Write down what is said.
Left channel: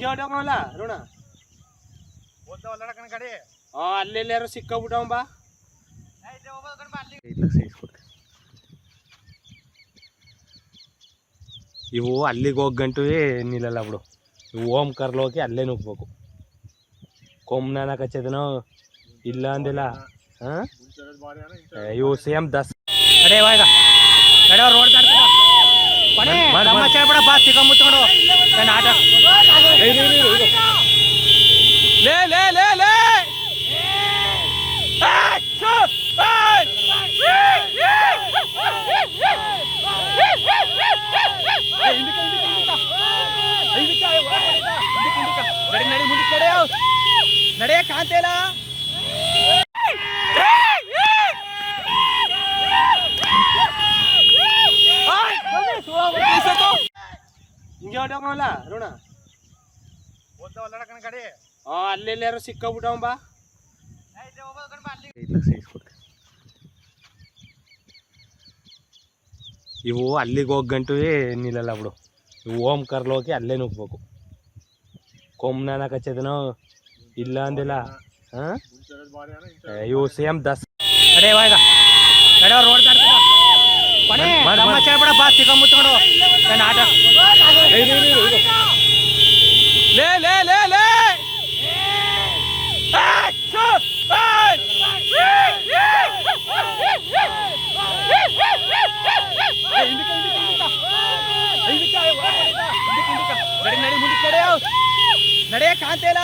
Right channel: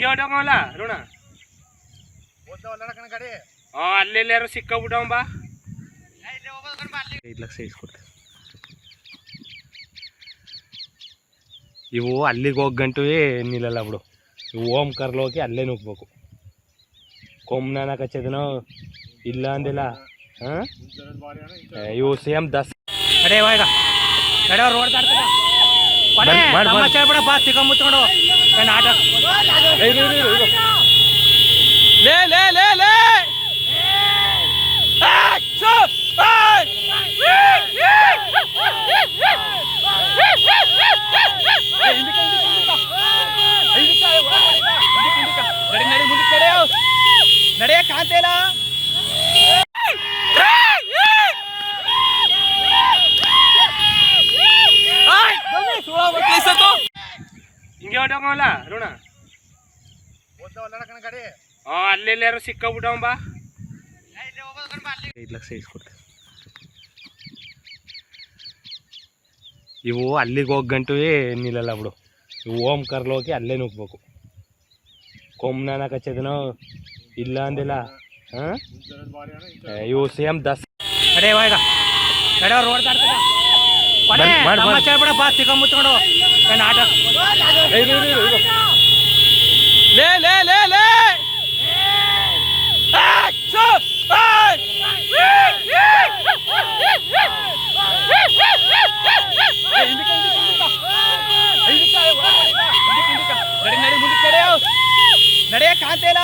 ಹಿಂಗೆ ಹೊಟ್ಟೋಗಲ್ಲ ಋಣ ಅಲ್ಲೆಲ್ಲಾರು ಸಿಕ್ಕಾಬಿಟ್ಟವ ಬಾ ಇವು ಅಲ್ಲಿಗೆ ಹೋಗಂಟು ನಿಲ್ಲಲ್ಲ ಬಿಡು. ಇವು ಓಮ್ ಕರ್ಲೋಗಿ ಅಲ್ಲೇ ನುಗ್ಬೇಕು. ಕೊಮ್ಮನ ಕಚ್ಚದನೋ ಇಲ್ಲ ಅಂದಿಲ್ಲ. ಹಾಂ ಇವು ಸೇಮ್ ದಸ್ ಕಡೆ ಇವಾಗ ಕಡೆ ರೋಡ್ ದಾಡ್ತದ ಬಿಡ ಬಾ ಸಿಕ್ಕಂಬುತ್ಕೊಂಡು ಆಟ ಲೇ ಲೇ ಲೇ ಲೇ ನಡಿ ನಡಿ ಮುಂದಕ್ಕೆ ನಡೆಯ ಕಾಂತೇಲ ಹಿಂಗೆ ಹೊಟ್ಟೋಗಲ್ಲ ಋಣ ಅಲ್ಲೆಲ್ಲಾರು ಸಿಕ್ಕಾಬಿಟ್ಟವ ಬಾ ಇವು ಅಲ್ಲಿಗೆ ಹೋಗಂಟು ನಿಲ್ಲಲ್ಲ ಬಿಡು. ಇವು ಓಮ್ ಕರ್ಲೋಗಿ ಅಲ್ಲೇ ನುಗ್ಬೇಕು. ಕೊಮ್ಮನ ಕಚ್ಚದನೋ ಇಲ್ಲ ಅಂದಿಲ್ಲ. ಹಾಂ ಇವು ಸೇಮ್ ದಸ್ ಕಡೆ ಇವಾಗ ಕಡೆ ರೋಡ್ ದಾಡ್ತದ ಬಿಡ ಬಾ ಸಿಕ್ಕಂಬುತ್ಕೊಂಡು ಆಟ ಲೇ ಲೇ ಲೇ ಲೇ ನಡಿ ನಡಿ ಮುಂದಕ್ಕೆ ನಡೆಯ ಕಾಂತೇಲ